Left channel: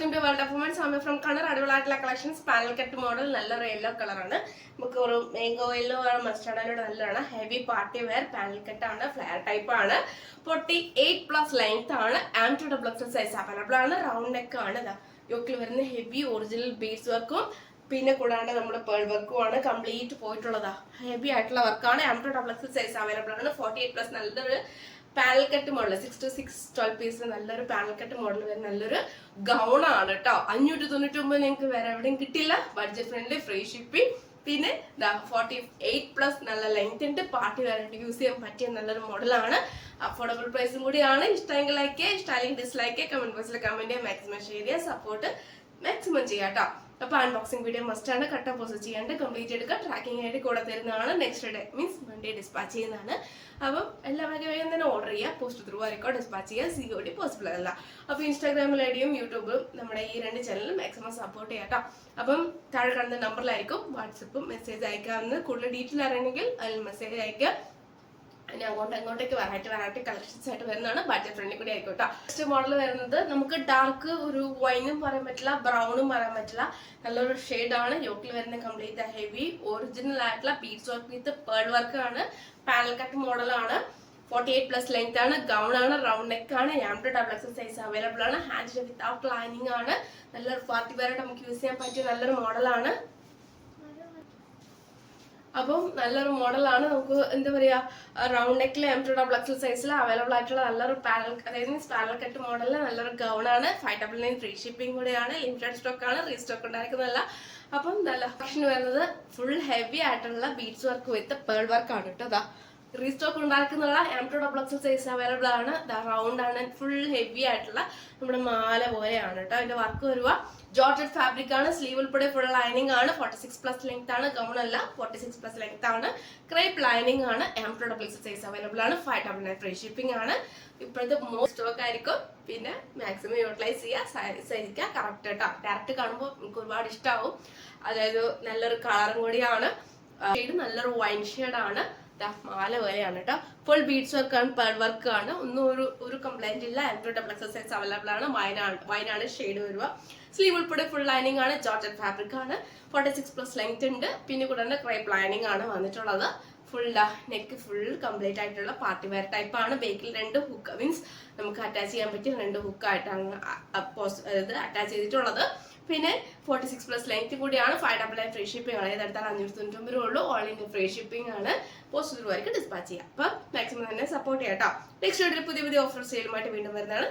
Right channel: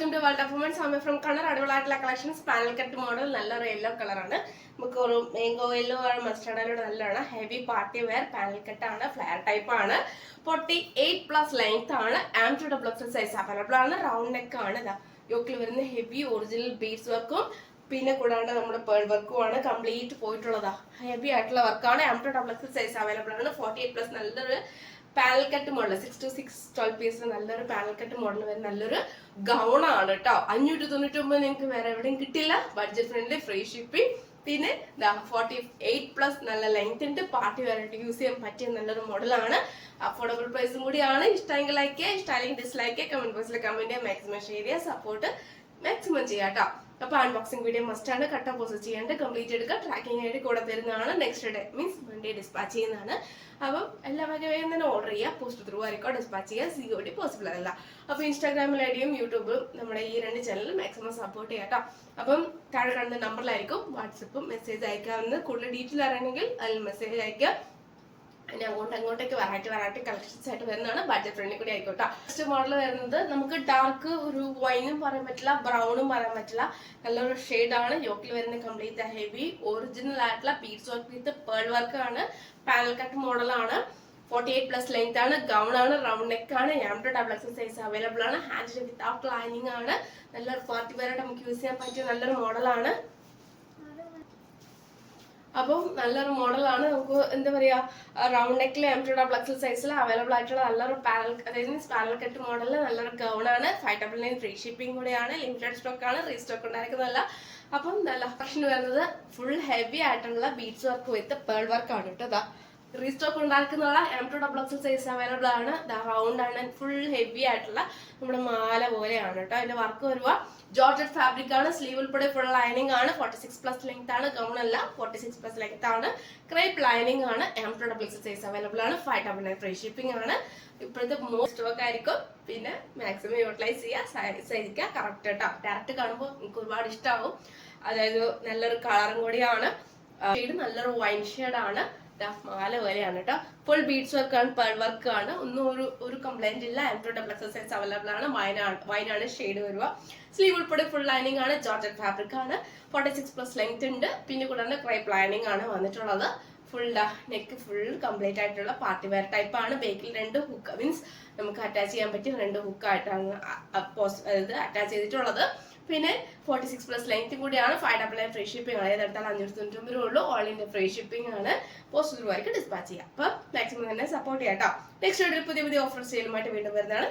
Welcome to world of womens. I'm from Kannur. അടിപൊളിയായിട്ടുള്ള collections. Panel cut model, നല്ലൊരു yellow കളറാണ്. നമുക്ക് ഒരു മാംഗോ യെല്ലോ ആണ്, മസ്റ്റർഡ് യെല്ലോ നല്ലതാണ്. Heavy party wear panel cut ആണ്, ഫ്ലെയർ ടൈപ്പ് ആണ്. 48+ ലെങ്ത് ആണ്. Armed double XL size available ആണ്. റൗണ്ട് നെക്ക് ആണ്. യോക്കിൽ വരുന്ന ഹെവി ഒറിജിനൽ ബീഡ്സ് വർക്കും പിന്നെ കൂടാണ്ട് നമ്മുടെ പേൾ വർക്കും ആണ് കംപ്ലീറ്റ് പോയിട്ടുള്ളതാ. ഹെവി ആയിട്ടുള്ള വർക്കാണ്. Armed double XL size available ആണ്. 48+ നല്ലൊരു panel cut model 6 to 6 12 piece നല്ലൊരു പാനൽ കട്ട് മോഡൽ വരുന്ന നല്ലൊരു ഗൗൺ ആണ് കേട്ടോ. 599 നിങ്ങൾക്ക് വേറെ എവിടെയും കിട്ടില്ല. Budget friendly, free shipping. പിന്നെ 48+ നല്ല ലെങ്ത് ഉണ്ട്. പാർട്ടി വെയറായിട്ട് യൂസ് ചെയ്യാൻ പറ്റിയ നല്ലൊരു മോഡലാണ്. അഫോർഡബിൾ പ്രൈസും കൂടിയാണ്. ഇഷ്ടമെങ്കിൽ ലൈക്ക് ചെയ്യുക, ഇഷ്ടമാണെങ്കിൽ ഡിസ്ലൈക്ക് ചെയ്യുക. കമന്റ് ബോക്സിൽ കമന്റ് ചെയ്യുക, മാക്സിമം ഷെയർ ചെയ്യുക, സപ്പോർട്ട് മാക്സിമം ചെയ്യാം കേട്ടോ. അപ്പൊ അൺബോക്സിംഗ് വീഡിയോ മസ്റ്റ് ആണ്. കട്ട പോസ്റ്റ് ചെയ്യാണ്ട് കംപ്ലീറ്റ് എടുക്കുക. ട്രാക്കിംഗ് ആയിട്ട് കൂടെ തരുന്നതാണ്. Next day means Monday dispatch ചെയ്യുന്നതാണ്. അപ്പം എല്ലാവരും വേഗം തന്നെ ഓർഡർ ചെയ്യുക. പോസ്റ്റ് ത്രൂ ആയിരിക്കും ഡിസ്പാച്ച് ചെയ്യുക. COD പോസിബിൾ അല്ല. അപ്പൊ ഇൻസ്റ്റാഗ്രാമിൽ ഐഡിയും യൂട്യൂബും നമ്മുടെ ഈ 2 ചാനലും മാക്സിമം സപ്പോർട്ട് ചെയ്യാം കേട്ടോ. അപ്പം താഴെ കാണുന്ന നമ്പറിലായിരിക്കും വാട്സപ്പും മെസ്സേജ് അയക്കാവുന്നത്. കൂടുതൽ ഡീറ്റെയിൽ അറിയണമെങ്കിൽ അതിൽ മെസ്സേജ് അയക്കുക. ഇനി അങ്ങോട്ടേക്ക് വെറൈറ്റി കളക്ഷൻസ് ആയിട്ട് വരുന്നതാണ്. ബഡ്ജറ്റ് ഫ്രണ്ട്ലി കൂടി ആയിക്കോട്ടെ. ഫസ്റ്റ് മോഡൽ വരുന്നത് നമുക്ക് ഡാർക്ക് ഒരു വൈനും പറയാൻ പറ്റില്ല, ബ്രൗണും പറയാൻ പറ്റില്ല. നല്ലൊരു ഷെയ്ഡാണ്. യോക്കിൽ വരുന്ന കംപ്ലീറ്റ് ഹെവി ഒറിജിനൽ ആയിട്ടുള്ള beads work with pearl work ആണ്. പാനൽ കട്ട് മോഡലാണ്. 48+ ലെങ്ത് ആണ്. ഗൗൺ ആണ്. റൗണ്ട് നെക്ക് ആണ്. Armed double XL size available ആണ്. ഹാൻഡ് വിത്തൗട്ട് ലൈനിങ് ആണ്. നല്ലൊരു പാർട്ടി വെയറായിട്ട് നമുക്ക് യൂസ് ചെയ്യാൻ പറ്റിയ നല്ലൊരു മോഡലാണ്. അപ്പം നല്ലൊരു മോഡലാണ്. നമുക്ക് എന്താ പറയാ, റൗണ്ട് നെക്കിൽ ആംഡ് ഡബിൾ എക്സൽ സൈസിൽ അവൈലബിൾ ആയിട്ടുള്ള നല്ലൊരു പാനൽ കട്ട് മോഡലിൽ നല്ലൊരു ഗൗൺ ആണ്. 599 ഫ്രീ ഷിപ്പിംഗ് കൂടെയാണ്. ലിമിറ്റഡ് സ്റ്റോക്ക് ആണ്. റീസ്റ്റോക്ക് ഉണ്ടായിരിക്കുന്നതല്ല. അപ്പം നല്ല കളക്ഷൻ വരുന്നത് ഫുൾ ഹെവി ആയിട്ടുള്ള beads work with pearl work ആണ് കേട്ടോ. റീസ്റ്റോക്ക് ഉണ്ടാക്കുന്ന armed double XL size available ആണ്. റൗണ്ട് ആണ്. ഫുൾ ഹെവി ആയിട്ടുള്ള നമ്മുടെ മാല പോലെയാണ് കേട്ടോ. അതിന്റെ വർക്ക് വരുക ജോർജറ്റ് ഫാബ്രിക് ആണ്. സ്ലീവ് ഉൾപ്പെടെ ഫുൾ ലൈനിങ് ആണ്. 46+ ലെങ്ത് ആണ്. ഗൗൺ അല്ല, 46+ ലെങ്ത് ആണ്. ക്രേപ്പ് ലൈനിങ് ആണ്. Armed double XL size available ആണ്. 599 ഫ്രീ ഷിപ്പിംഗ് ആണ്. ഇപ്പോഴത്തെ മോസ്റ്റ് സ്റ്റോക്ക് ആയിരിക്കും. പിന്നെ മാക്സിമം യൂട്ടിലൈസ് ചെയ്യുക കറക്റ്റ് കേട്ടോ. ഡയറക്റ്റ് കാണുമ്പോൾ എനിക്ക് ഒരുപാട് ഇഷ്ടമാവും. അതായത് നല്ലൊരു കളറും കൂടിയാണ്. ഷെയ്ഡ് നല്ലൊരു വൈൻ ഷെയ്ഡാണ്. മാല പോലെയാണ് കേട്ടോ. ഫുൾ ബീഡ്സ് വർക്ക് ആണ്. പേൾ വർക്ക് ആണ്. ഒന്നും ഒരു കംപ്ലൈന്റ് ഇല്ല. Armed double XL size available ആണ്. വൈനാണ് ഷെയ്ഡ് വരിക. സ്ലീവ് ഉൾപ്പെടെ ഫുൾ ലൈനിങ് ആണ്. ജോർജറ്റ് ഫാബ്രിക് ആണ്. 46+ ലെങ്ത് ഉണ്ട്. പിന്നെ കൂടാതെ ക്രേപ്പ് ലൈനിങ് ആണ് വന്നിട്ടുള്ളത്. ഫുൾ നെക്ക് ഫുൾ കംപ്ലീറ്റ് ആയിട്ടുള്ള പാർട്ടി വെയർ ടൈപ്പ് ആണ്. ബേക്കിൽ 2 ഹുക്ക് മീൻസ് നമുക്ക് അറ്റാച്ച് ചെയ്യാൻ പറ്റിയ 2 ഹുക്ക് ആയിട്ടാണ് അറ്റാച്ച് ചെയ്തിട്ടുള്ളത്. പിന്നെ 46+ ലെങ്ത് കൂടിയാണ്. 599 ഫ്രീ ഷിപ്പിംഗ് ആണ്. ഏതെടുത്താൽ 599 ഉള്ളൂ. ഓൾ ഇന്ത്യ ഫ്രീ ഷിപ്പിംഗ് ആണ്. പോസ്റ്റ് ത്രൂ ആയിട്ട് ഡിസ്പാച്ച് ചെയ്യാം. അപ്പൊ മാക്സിമം തന്നെ സപ്പോർട്ട് ചെയ്യാം കേട്ടോ. നെക്സ്റ്റ് പുതിയ ഓഫർ സെയിലുമായിട്ട് വീണ്ടും വരുന്നതാണ്.